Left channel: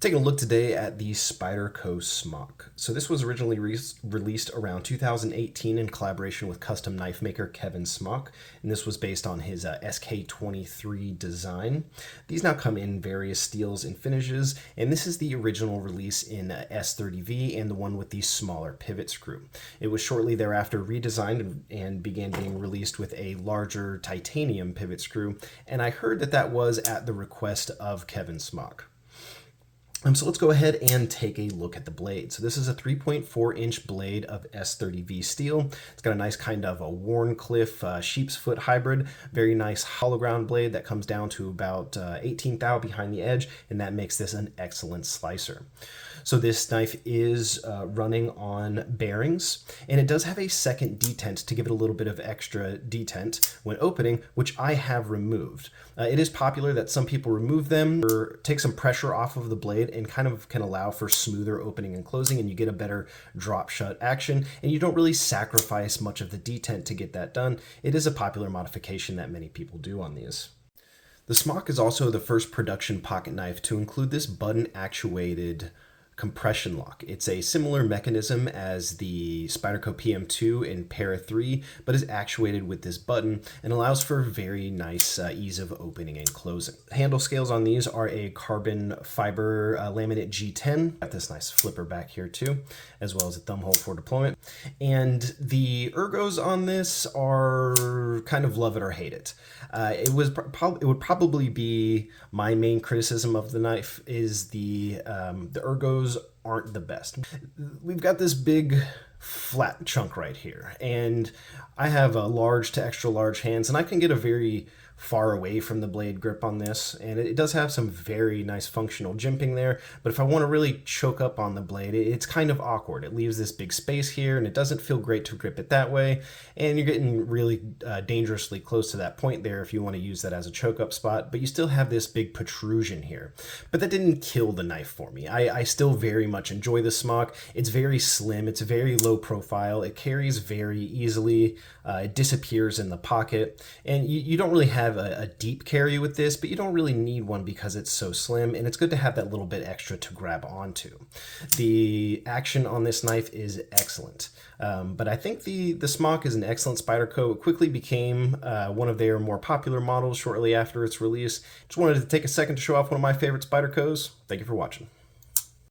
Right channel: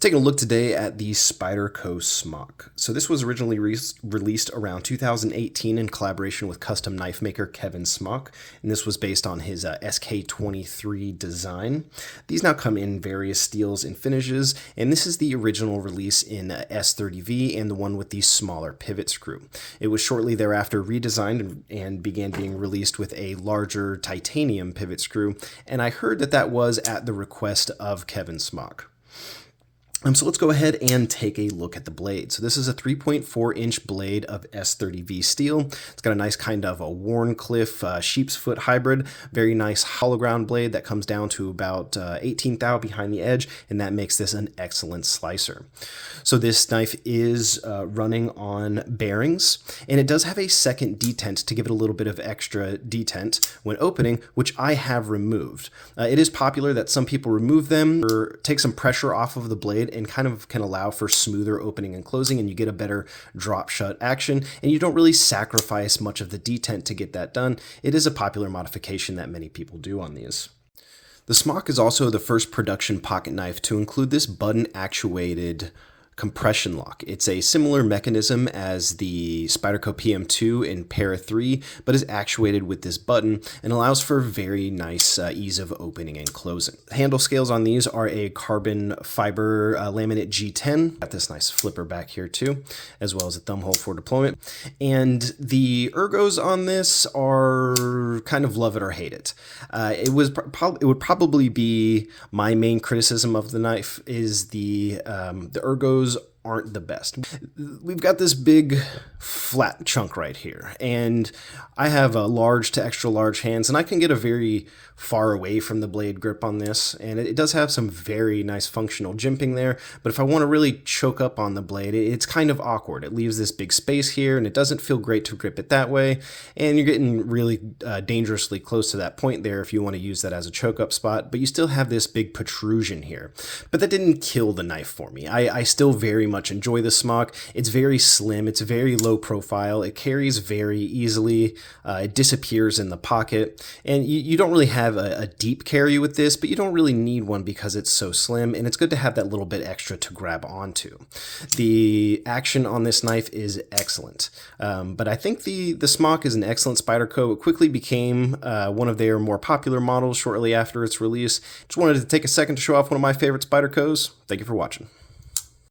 Taking a look today at the Spyderco Smock. So this was originally released around 2018 in collaboration with custom knife maker Kevin Smock, and this was based on his SK23 design. These now come in various steels and finishes, and this is the original release in S30V and the one with the smaller pivot screw. It was shortly thereafter redesigned and began being released with a larger titanium pivot screw, and I heard that that was at the request of Kevin Smock. So let's go ahead and take a look at the blade. So this is a 3.4-inch blade of S30V steel. It's got a nice kind of a Warncliffe sheep's foot hybrid, very nice hollow ground blade that comes down to about 18 thou behind the edge, and that makes this an excellent slicer. So this knife is running on bearings, and it does have a second detent to give it a little bit of extra detent when opening, which I have removed. It is popular that some people remove them or take some pressure off of the blade and kind of can allow for smoother opening and closing, and you get a better drop shut action, and you don't really sacrifice much of the detent to get that done. It is a popular modification that many people do on these. The Smock is also the first production pocket knife to include this button actuated compression lock. It's a similar mechanism as the Spyderco PM2 in Para 3, but is actuated with this button and allows for very nice ease of opening and closing. Handle scales on these are a carbon fiber laminate G10. Got this nice flipper back here too, as well as a thumb hole for deployment. And the ergos on this are kind of love it or hate it. It would probably be my main criticism of the knife is the ergos aren't the best. We've got this big flat chunk right here, and I have a large to extra large hands, and I can get a very far away from the blade grip on this, and it does have some very nice functional jimping there, but if I want to really choke up on the blade, it's kind of awkward. It leaves this big space here, and it doesn't feel great to grip it that way, and you're getting really dangerously close to that point there if you want to use that as a choke up spot, but you still have this big protrusion here. But that didn't kill the knife for me. I still very much enjoy the Smock. It's very slim, it's very low profile, it carries very easily, it disappears in the pocket, and you don't really have a deep carry with this, but you don't really need one because it's so slim, and it's good to have that little bit extra to grab onto. The action on this knife is excellent, but I think the Smock is an excellent Spyderco. It quickly became one of their more popular models shortly after its release. Just wanted to take a second to show off one of my favorite Spydercos. Thank you for watching.